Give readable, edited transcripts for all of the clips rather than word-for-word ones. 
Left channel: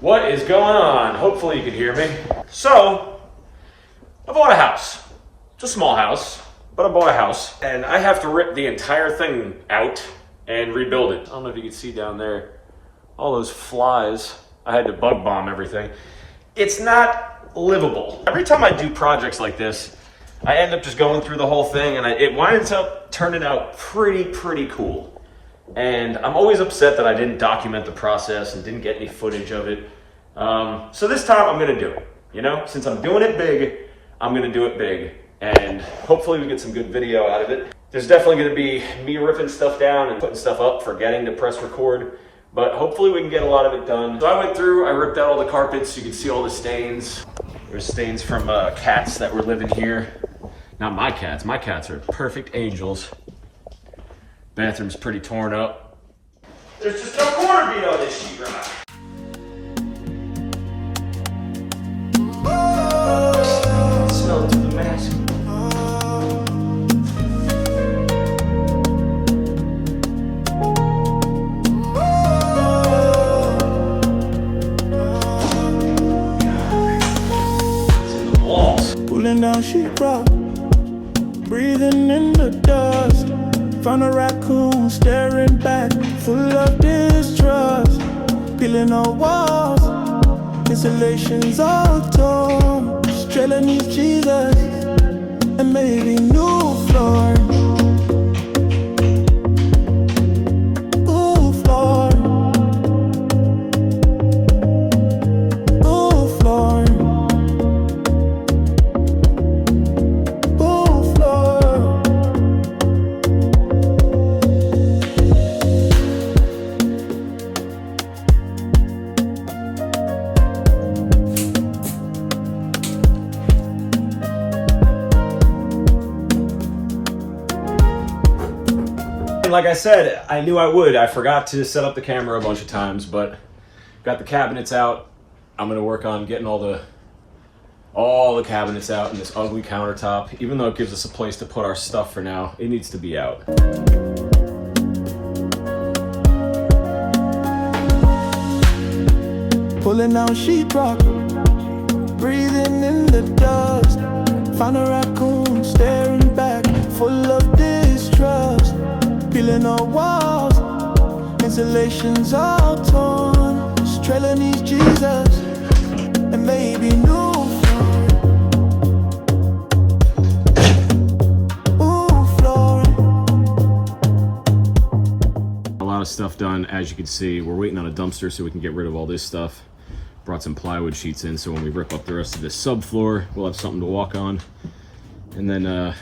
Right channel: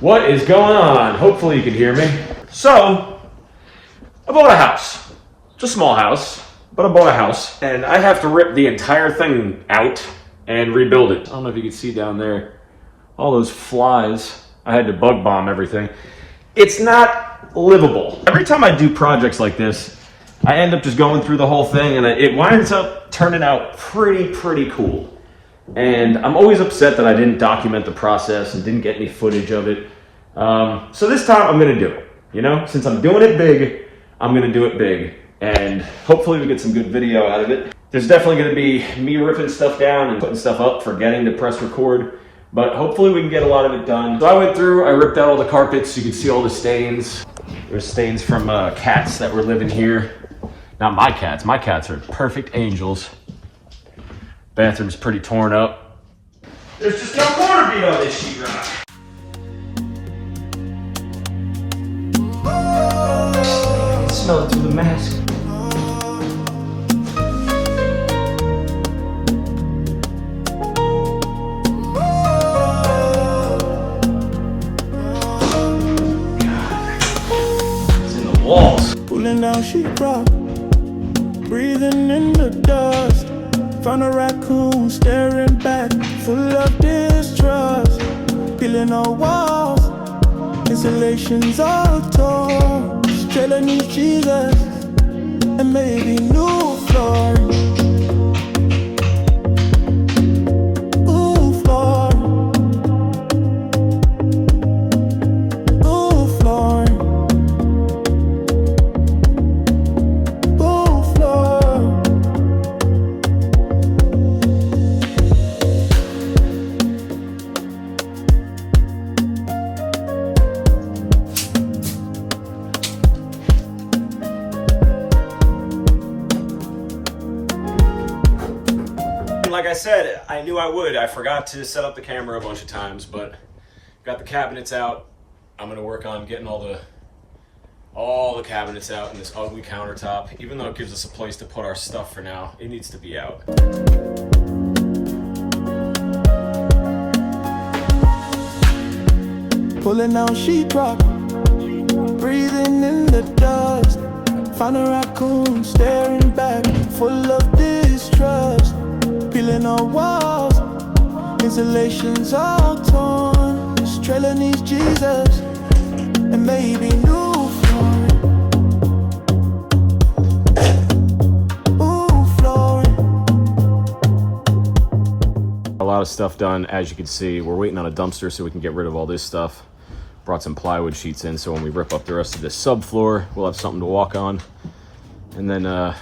What is going on? Hopefully you can hear me. So, I bought a house. It's a small house, but I bought a house. And I have to rip the entire thing out and rebuild it. I don't know if you can see down there, all those flies. I had to bug bomb everything. It's not livable. Every time I do projects like this, I end up just going through the whole thing and it winds up turning out pretty cool. And I'm always upset that I didn't document the process and didn't get any footage of it. So this time I'm gonna do it. You know, since I'm doing it big, I'm gonna do it big. And hopefully we get some good video out of it. There's definitely gonna be me ripping stuff down and putting stuff up, forgetting to press record. But hopefully we can get a lot of it done. So I went through, I ripped out all the carpets. You can see all the stains. There's stains from cats that were living here. Not my cats are perfect angels. Bathroom's pretty torn up. There's just no corner beat on this sheetrock. Smell it through the mask. It's in the walls. Pulling down sheetrock, breathing in the dust. Found a raccoon staring back, full of distrust. Peeling our walls, insulation's all torn. Trailer needs Jesus, and maybe new flooring. Ooh, flooring. Ooh, flooring. Ooh, flooring. Like I said, I knew I would. I forgot to set up the camera a bunch of times, but got the cabinets out. I'm gonna work on getting all the cabinets out and this ugly countertop. Even though it gives us a place to put our stuff for now, it needs to be out. Pulling down sheetrock, breathing in the dust. Found a raccoon staring back, full of distrust. Peeling our walls, insulation's all torn. This trailer needs Jesus, and maybe new flooring. Ooh, flooring. A lot of stuff done, as you can see. We're waiting on a dumpster so we can get rid of all this stuff. Brought some plywood sheets in, so when we rip up the rest of this subfloor, we'll have something to walk on. And then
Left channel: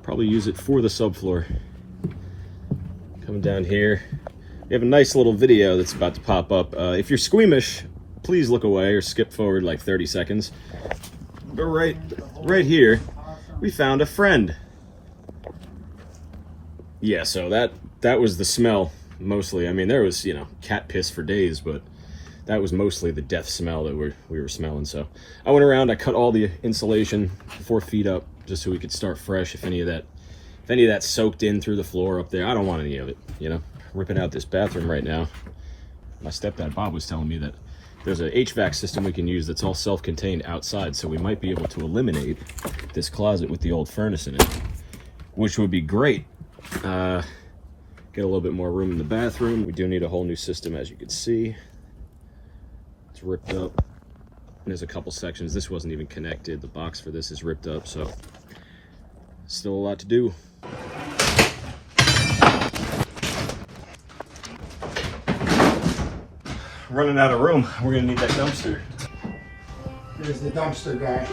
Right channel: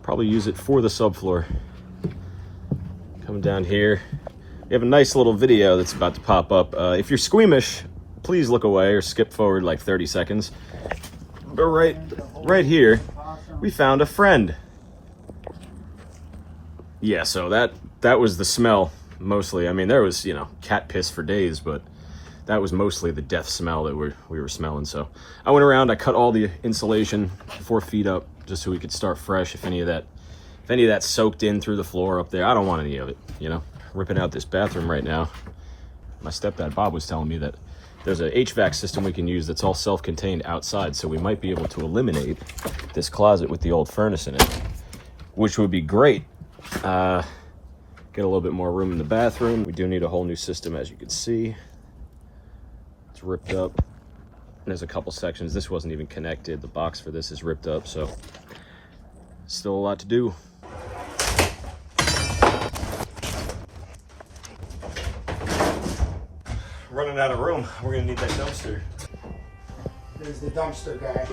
probably use it for the subfloor. Coming down here, we have a nice little video that's about to pop up. If you're squeamish, please look away or skip forward like 30 seconds. But right here, we found a friend. Yeah, so that was the smell mostly. I mean, there was, you know, cat piss for days, but that was mostly the death smell that we were smelling. So I went around, I cut all the insulation 4 feet up just so we could start fresh. If any of that soaked in through the floor up there, I don't want any of it, you know. Ripping out this bathroom right now. My stepdad Bob was telling me that there's an HVAC system we can use that's all self-contained outside, so we might be able to eliminate this closet with the old furnace in it, which would be great. Get a little bit more room in the bathroom. We do need a whole new system, as you can see. It's ripped up. And there's a couple sections. This wasn't even connected. The box for this is ripped up, so still a lot to do. Running out of room. We're gonna need that dumpster. There's the dumpster guy.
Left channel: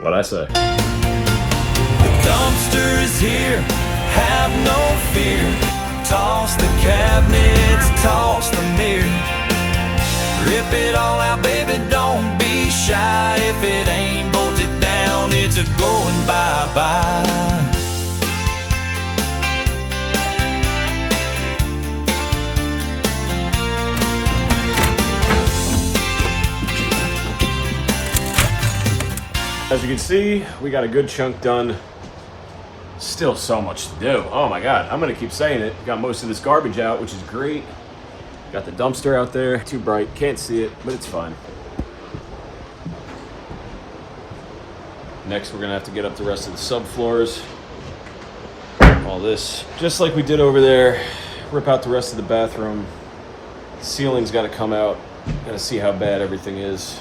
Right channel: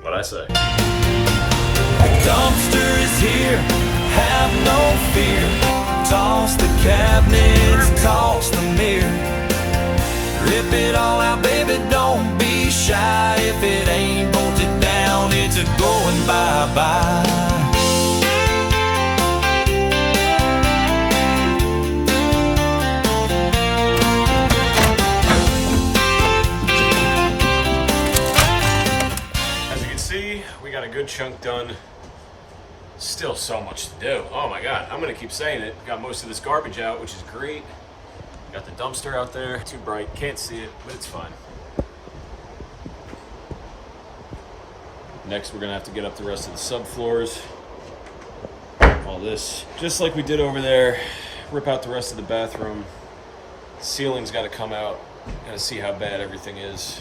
What'd I say? The dumpster is here, have no fear. Toss the cabinets, toss the mirror. Rip it all out, baby, don't be shy. If it ain't bolted down, it's a going bye-bye. As you can see, we got a good chunk done. Still so much to do. Oh my God, I'm gonna keep saying it. Got most of this garbage out, which is great. Got the dumpster out there. Too bright, can't see it, but it's fine. Next, we're gonna have to get up the rest of the subfloors. All this, just like we did over there. Rip out the rest of the bathroom. The ceiling's got to come out. Gotta see how bad everything is.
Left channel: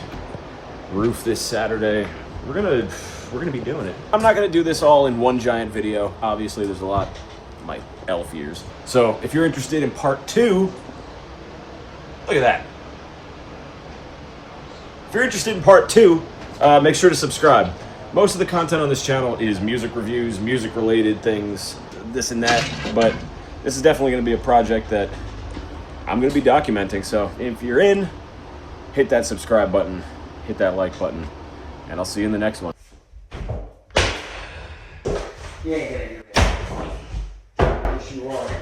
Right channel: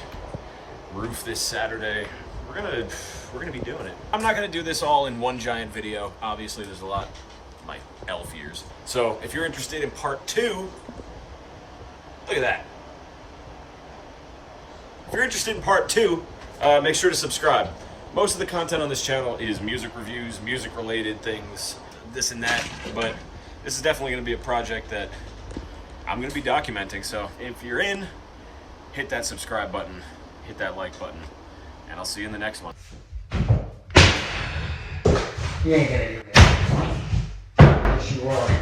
Roof this Saturday. We're gonna be doing it. I'm not gonna do this all in one giant video. Obviously, there's a lot of my elf ears. So if you're interested in part 2, look at that. If you're interested in part 2, make sure to subscribe. Most of the content on this channel is music reviews, music related things, this and that, but this is definitely going to be a project that I'm going to be documenting. So if you're in, hit that subscribe button, hit that like button, and I'll see you in the next one. You ain't gonna do that. Yes, you are.